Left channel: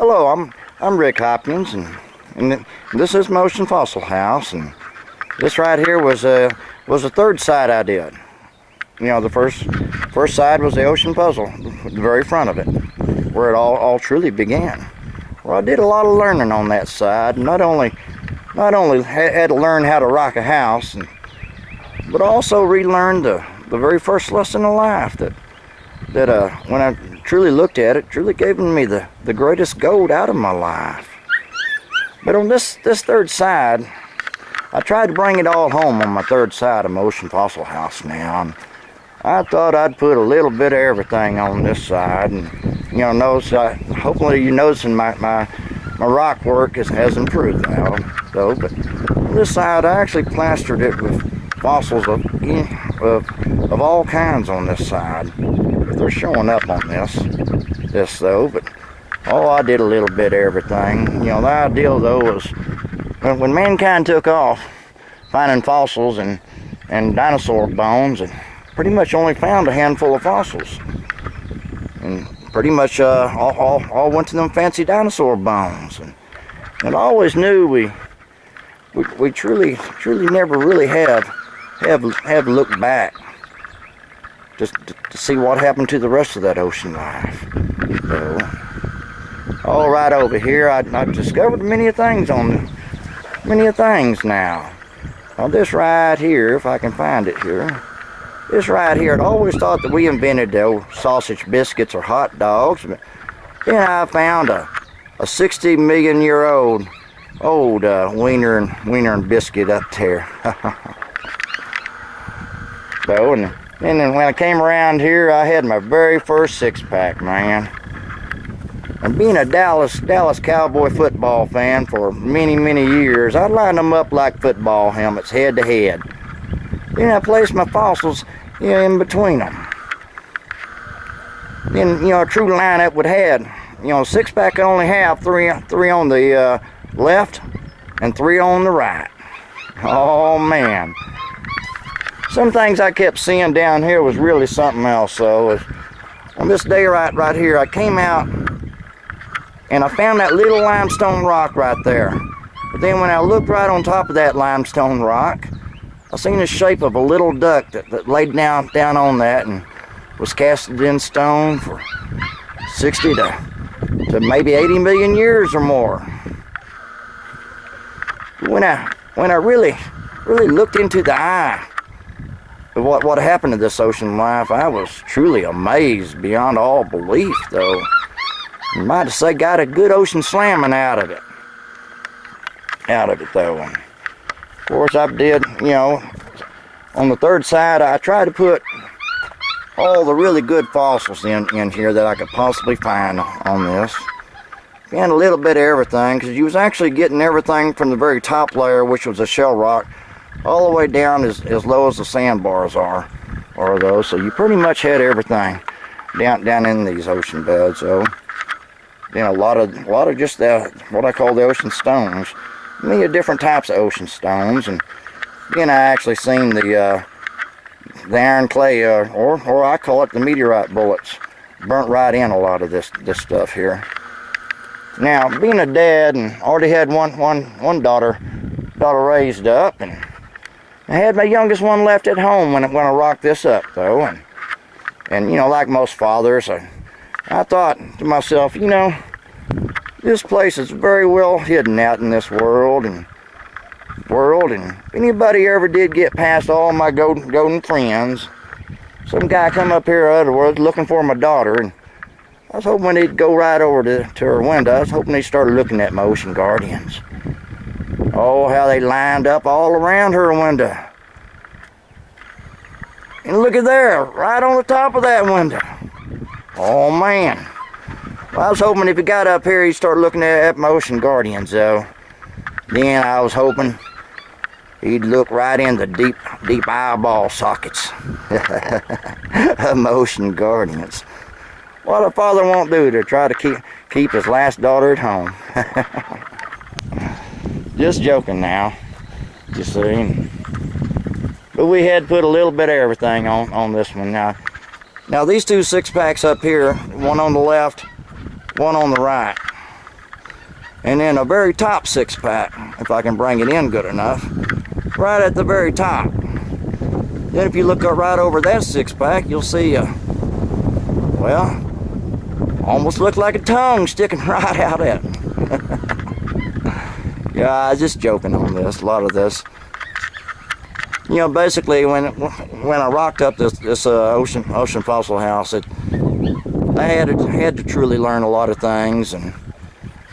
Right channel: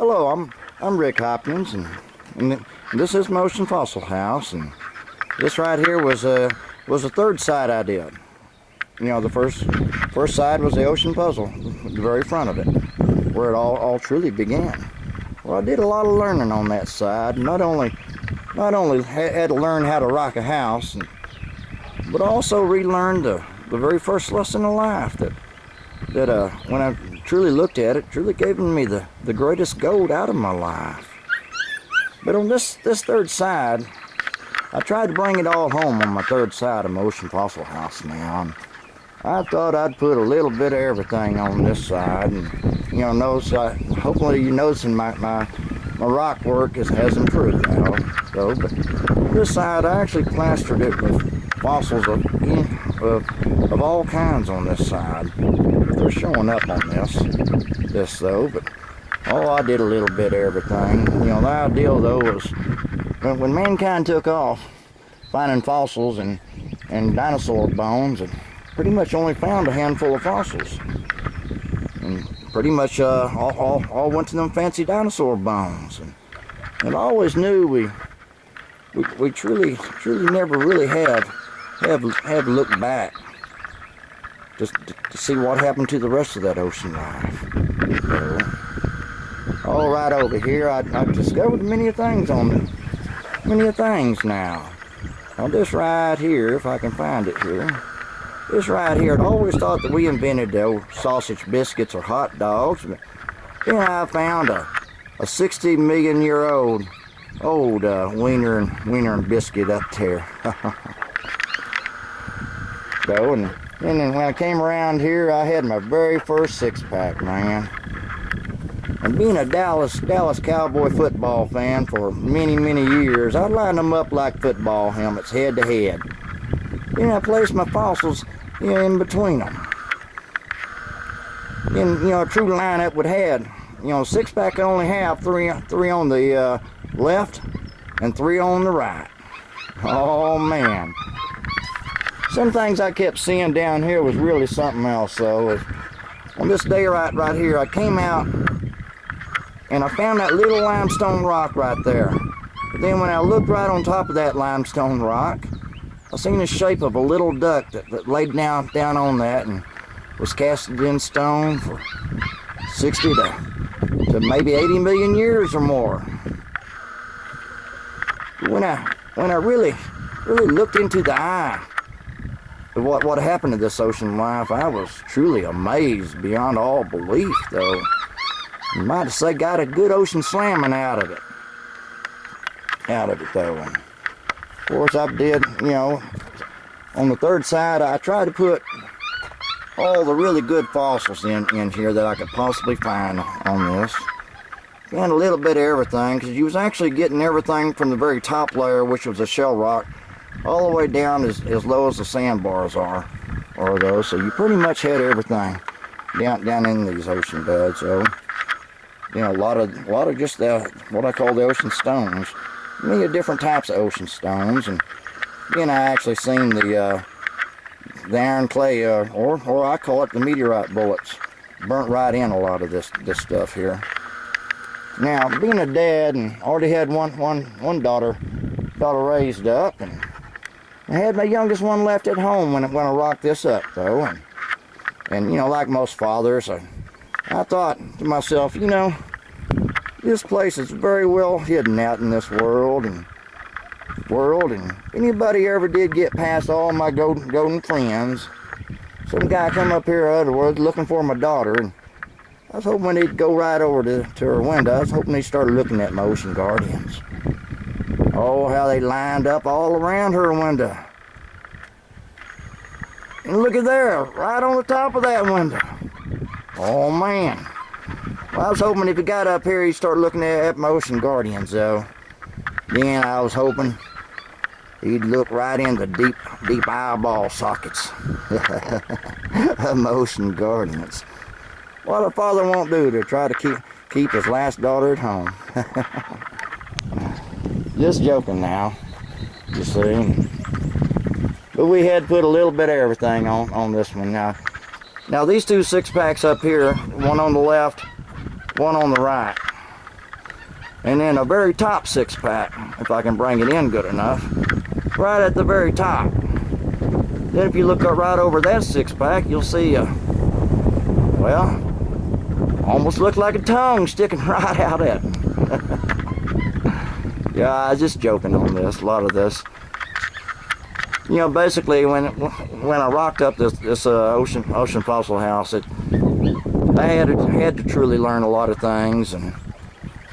Hello, I'm Rick Hopkins, and this is Ocean Fossil House, and this right here was the third side I did. You know, the first side was the ocean puzzle, the very front of it, where it all truly began. Well, I did a lot of learning on that side. Not only had to learn how to rock a house, but also relearned the very first lesson in life that when I truly looked at it, truly gave me the greatest gold out of my life. But on this third side, I tried to bring it all home on my third side of my Ocean Fossil House now. And I thought I'd put a little bit of everything on this side, and you know, hopefully you're noticing my rock work has improved now. So, but on this side, I actually plastered it with fossils of all kinds on this side. They're showing up on this though, but I did a little bit of everything. You know, the idea though was when mankind took off finding fossils and dinosaur bones, and pretty much only found a handful of fossils, and pretty much all went to them fancy dinosaur bones, and I always knew we truly never really have looked back just to see what happened to the rest of that ocean life. So, all right over here, I've discovered many things now. Now this right here, if I can find it here, this right here, I'd always thought that we invented the old sausage biscuits or hot dogs, but then I found a 60 million year old wiener and biscuit up there. So, and then when I came around here, I had my very first six-pack, man. And being a Dallas Cowboy football fan for many years, I lined them up like football helmets, head to head. Then I placed my fossils, you know, in between them. Then, you know, a true lineup would have, you know, six-pack could only have three on the left and three on the right. Oh man. Some things I kept seeing down here was really something else. So on this day right here, I came out and I found that little limestone rock right there. But then when I looked right on top of that limestone rock, I seen the shape of a little duck that laid down on that and was casted in stone for 60 to maybe 80 million years or more. When I really looked into the eye of what happened to this ocean life, I was truly amazed beyond all belief, though. You might have said got a good ocean slamming out of it though. And of course I did, you know, on the third side I tried to put all the really good fossils in here that I could possibly find on this. And a little bit of everything, because you was actually getting everything from the very top layer, which was a shell rock, all the way down as low as the sandbars are those. So you pretty much had everything down in these ocean beds. So, you know, a lot of just what I call the ocean stones. Many different types of ocean stones, and then I actually seen the iron clay, or I call it the meteorite bullets, burnt right in a lot of this stuff here. Now, being a dad and already had one daughter raised up, and I had my youngest one left at home when I rocked this up though, and you know, like most fathers, I thought to myself, you know, this place is very well hidden out in this world, and if anybody ever did get past all my golden friends, some guy come up here out of the world looking for my daughter, and I was hoping he'd go right over to her window. I was hoping he started looking at my ocean guardians. Oh, how they lined up all around her window. And look at there, right on the top of that window. Oh man. Well, I was hoping if he got up here, he'd start looking at my ocean guardians though. Then I was hoping he'd look right in the deep eyeball sockets of my ocean guardians. What a father won't do to try to keep his last daughter at home. Just joking now, you see. But we had put a little bit of everything on this one. Now these two six-packs up here, one on the left, one on the right. And then a very top 6-pack, if I can bring it in good enough, right at the very top. Then if you look up right over that 6-pack, you'll see, well, almost look like a tongue sticking right out at me. Yeah, I was just joking on this, a lot of this. You know, basically, when I rocked up this ocean fossil house, I had to truly learn a lot of things, and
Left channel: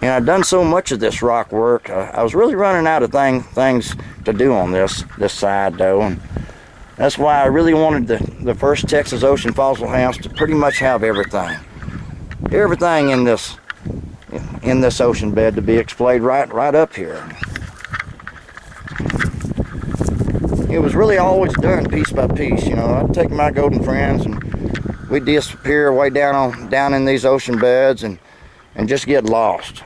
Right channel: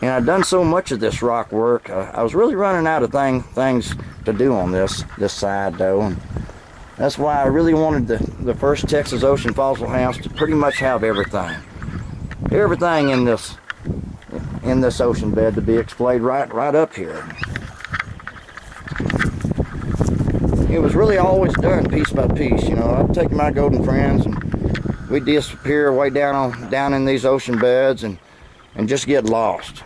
I'd done so much of this rock work. I was really running out of things to do on this side, though, and that's why I really wanted the first Texas Ocean Fossil House to pretty much have everything in this ocean bed to be displayed right up here. It was really always done piece by piece. You know, I'd take my golden friends and we'd disappear way down in these ocean beds and just get lost.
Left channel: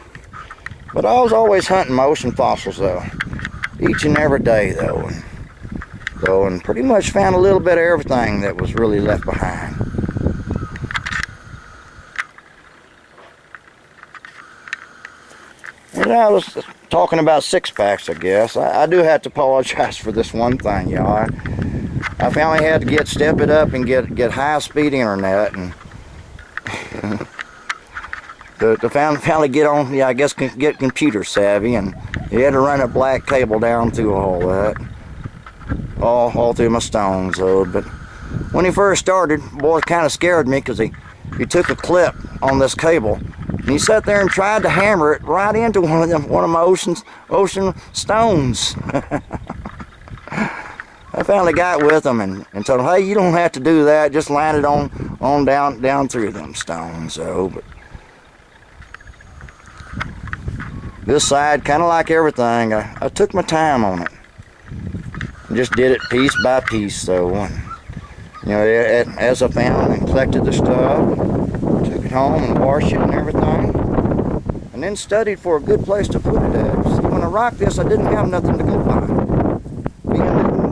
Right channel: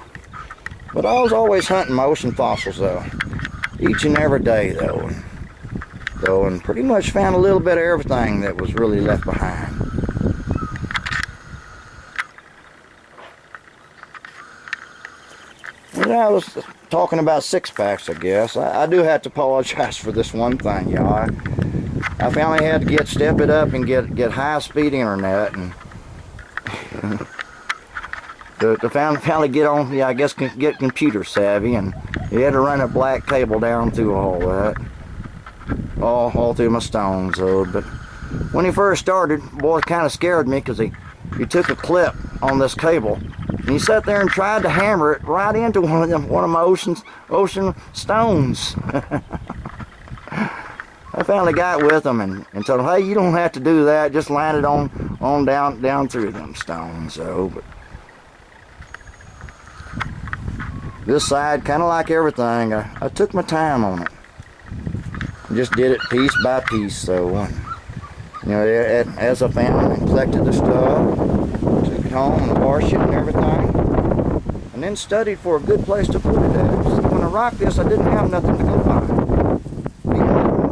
But I was always hunting my ocean fossils, though, each and every day, though, and pretty much found a little bit of everything that was really left behind. And I was talking about 6-packs, I guess. I do have to apologize for this one thing, y'all. I finally had to step it up and get high-speed internet, and to finally get on, I guess, get computer savvy, and you had to run a black cable down through all that, all through my stones, though. But when he first started, boy, it kind of scared me, because he took a clip on this cable, and he sat there and tried to hammer it right into one of my ocean stones. I finally got with him and told him, hey, you don't have to do that. Just land it on down through them stones. So, but this side, kind of like everything, I took my time on it. Just did it piece by piece, though. And, you know, as I found and collected the stuff, took it home and washed it and everything, and then studied for a good place to put it at. See, when I rocked this, I didn't have nothing to go by.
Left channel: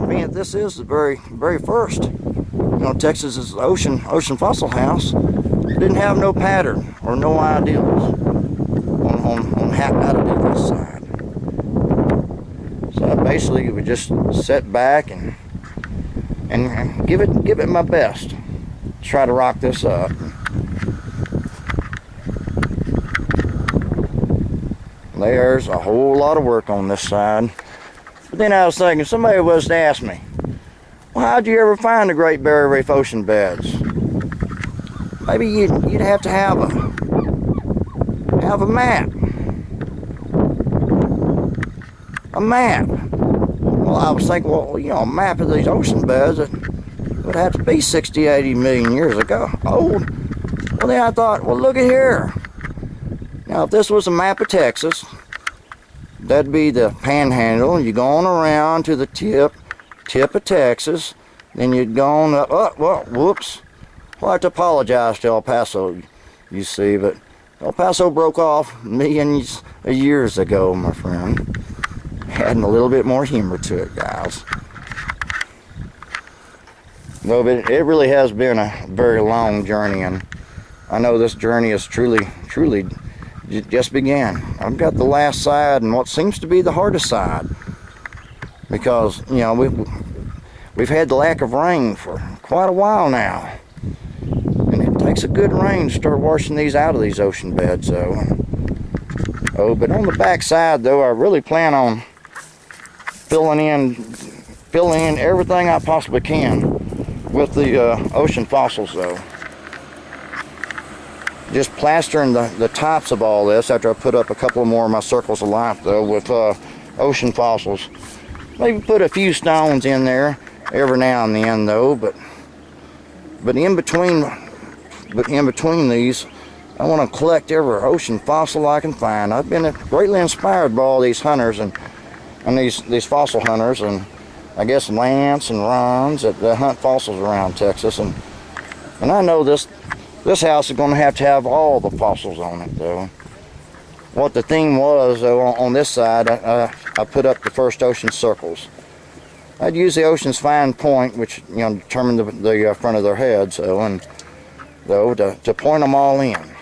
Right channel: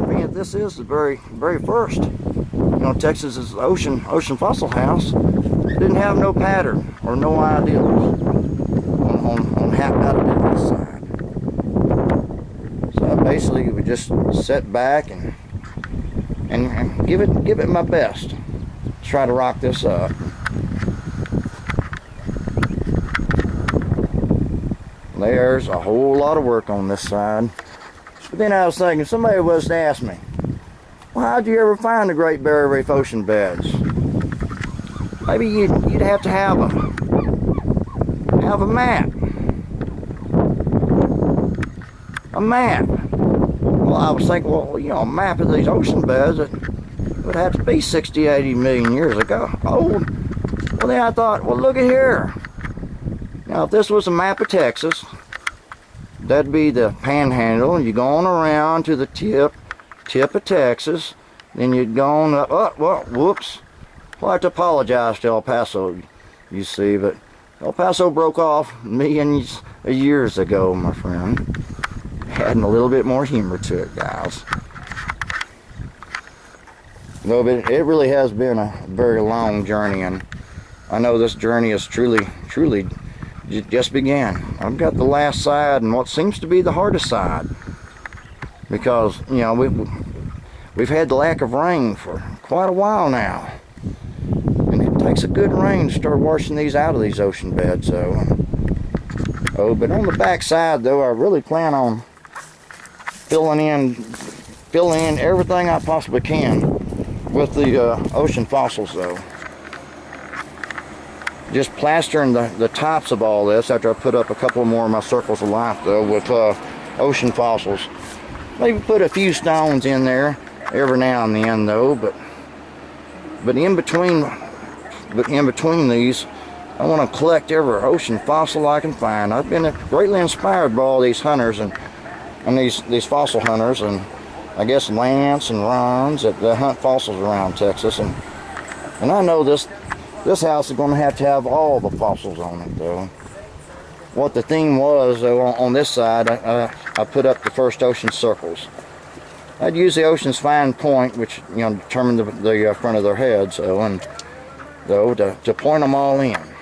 Being that this is the very first, you know, Texas's ocean fossil house, didn't have no pattern or no ideals on how to do this side. So I basically would just sit back and give it my best. Try to rock this up. There's a whole lot of work on this side. But then I was thinking, somebody was to ask me, well, how'd you ever find the Great Barrier Reef ocean beds? Maybe you'd have to have a map. A map. Well, I was thinking, well, you know, a map of these ocean beds, it would have to be 60, 80 million years ago. Old. Well, then I thought, well, look at here. Now, if this was a map of Texas, that'd be the panhandle. You go on around to the tip of Texas. Then you'd go on up. Oh, well, whoops. Well, I have to apologize to El Paso, you see, but El Paso broke off millions of years ago, my friend. Adding a little bit more humor to it, guys. No, but it really has been a very long journey, and I know this journey is truly just began. I've got the last side and what seems to be the hardest side, because, you know, we've had the lack of rain for quite a while now, and it takes a good rain to start washing these out of these ocean beds. So, but on the back side, though, I really plan on filling in everything I possibly can with the ocean fossils, though. Just plastering the tops of all this after I put up a couple more of my circles of life, though, with ocean fossils. Maybe put a few stones in there every now and then, though, but in between these, I want to collect every ocean fossil I can find. I've been greatly inspired by all these hunters and these fossil hunters, and I guess Lance and Ron's that hunt fossils around Texas, and I know this house is going to have all the fossils on it, though. What the theme was, though, on this side, I put up the first ocean circles. I'd use the ocean's fine point, which, you know, determined the front of their heads, to point them all in.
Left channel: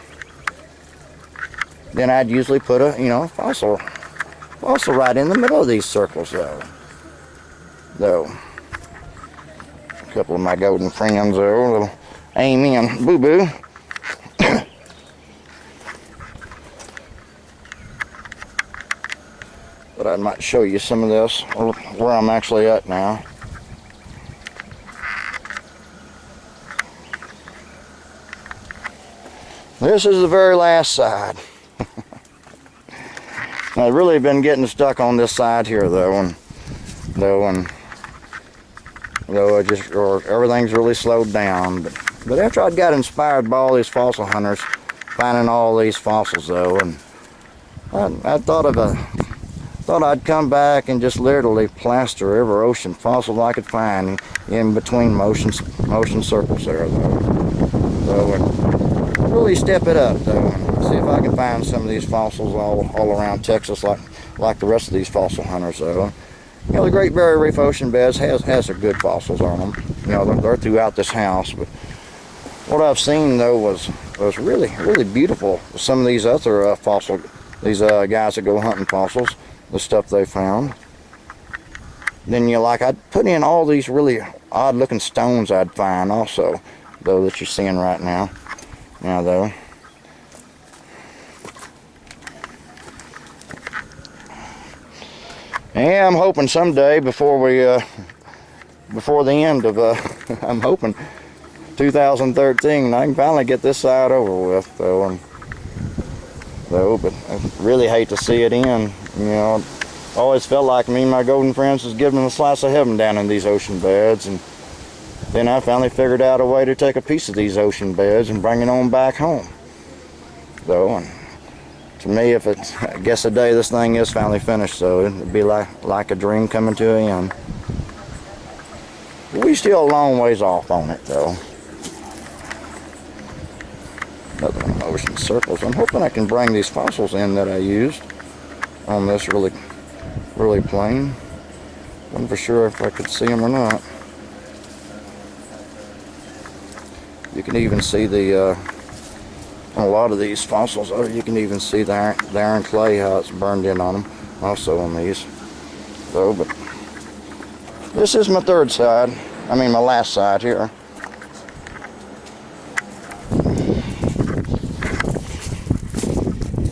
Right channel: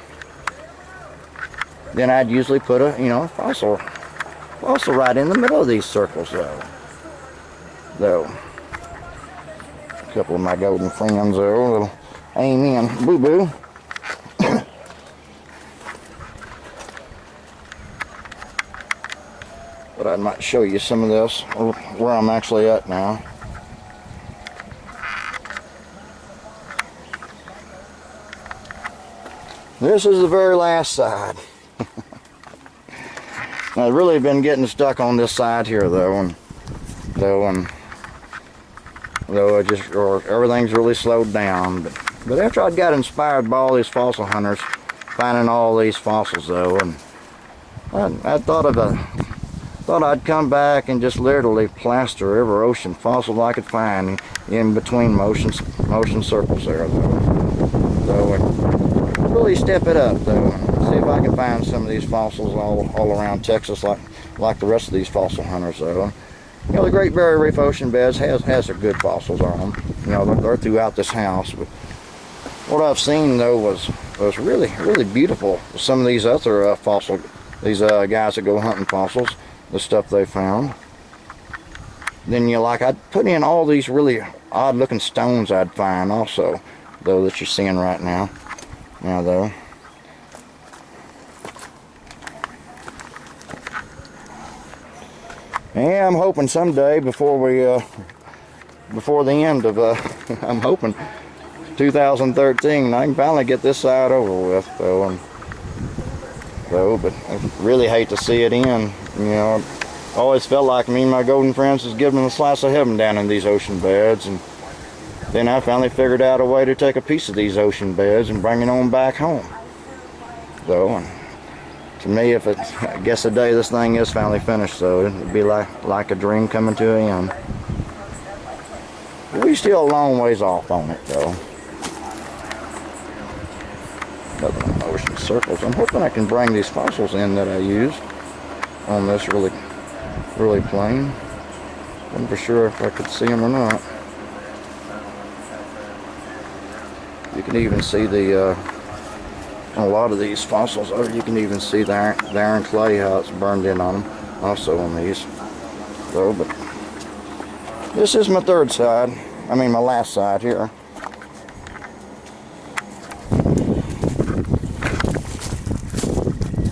then I'd usually put a, fossil right in the middle of these circles, though. A couple of my golden friends, though, little Amy and Boo Boo. But I might show you some of this, where I'm actually at now. This is the very last side. I've really been getting stuck on this side here, though, everything's really slowed down. But after I got inspired by all these fossil hunters, finding all these fossils, though, and I thought I'd come back and just literally plaster every ocean fossil I could find in between motion circles there, though. And really step it up, though, and see if I can find some of these fossils all around Texas, like the rest of these fossil hunters, though. The Great Barrier Reef ocean beds has some good fossils on them. They're throughout this house, but what I've seen, though, was really beautiful. Some of these other these guys that go hunting fossils, the stuff they found. Then I'd put in all these really odd looking stones I'd find also, though, that you're seeing right now. Though. And I'm hoping someday before the end of I'm hoping 2013, I can finally get this side over with, though. But I really hate to see it end. I always felt like me and my golden friends was giving them a slice of heaven down in these ocean beds, and then I finally figured out a way to take a piece of these ocean beds and bring it on back home. Though, and to me, I guess the day this thing is finally finished, so it'd be like a dream coming to an end. We're still a long ways off on it, though. Another one of my ocean circles. I'm hoping I can bring these fossils in that I used on this really plain. Wasn't for sure if I could see them or not. You can even see a lot of these fossils. You can even see the iron clay, how it's burned in on them. Also on these, though. But this is my third side. I mean, my last side here.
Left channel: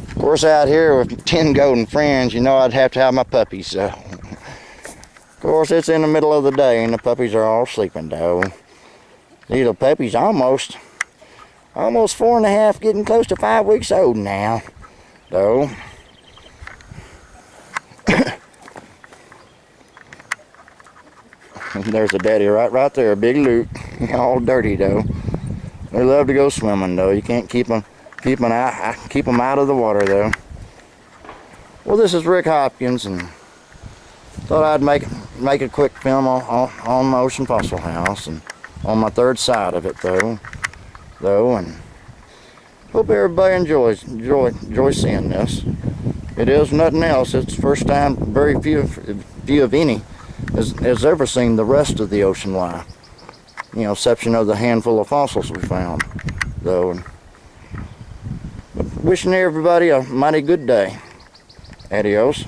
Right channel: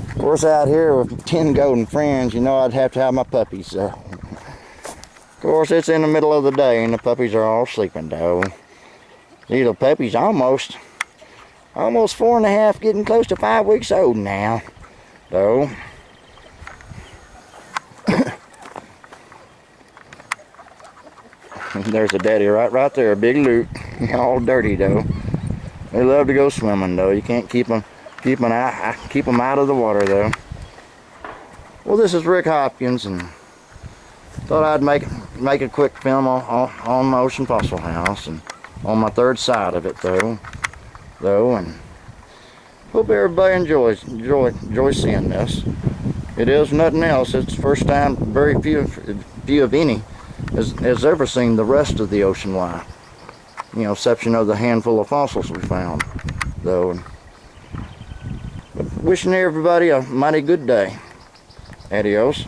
Of course, out here with 10 golden friends, I'd have to have my puppies. So, of course, it's in the middle of the day, and the puppies are all sleeping, though. These little puppies almost 4.5, getting close to 5 weeks old now, though. There's a daddy right there, a big loot, all dirty, though. They love to go swimming, though. You can't keep them out of the water, though. Well, this is Rick Hopkins, and thought I'd make a quick film on my Ocean Fossil House and on my third side of it, though, and hope everybody enjoys seeing this. It is nothing else. It's the first time very few of any has ever seen the rest of the ocean life. Exception of the handful of fossils we found, though. But wishing everybody a mighty good day. Adios.